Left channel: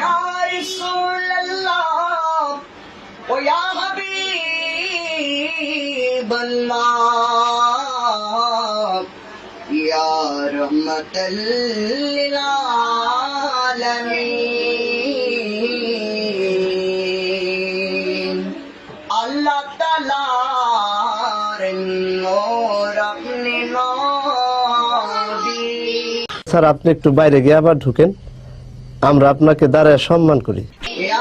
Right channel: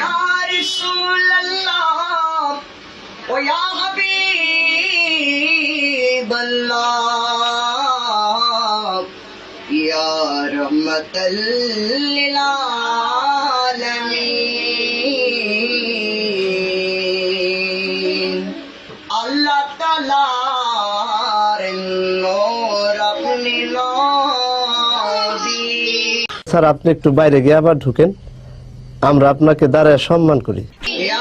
या रसूल अल्लाह ओ या हबीब अल्लाह या रहमतल लिल आलमीन अल्लाह तालार नूर अपने नबी। স্যার আপনি একটু বাইরে গিয়ে আবার ঢুকেন, আমরা আপনাকে দাঁড়ায় সম্মান করি। या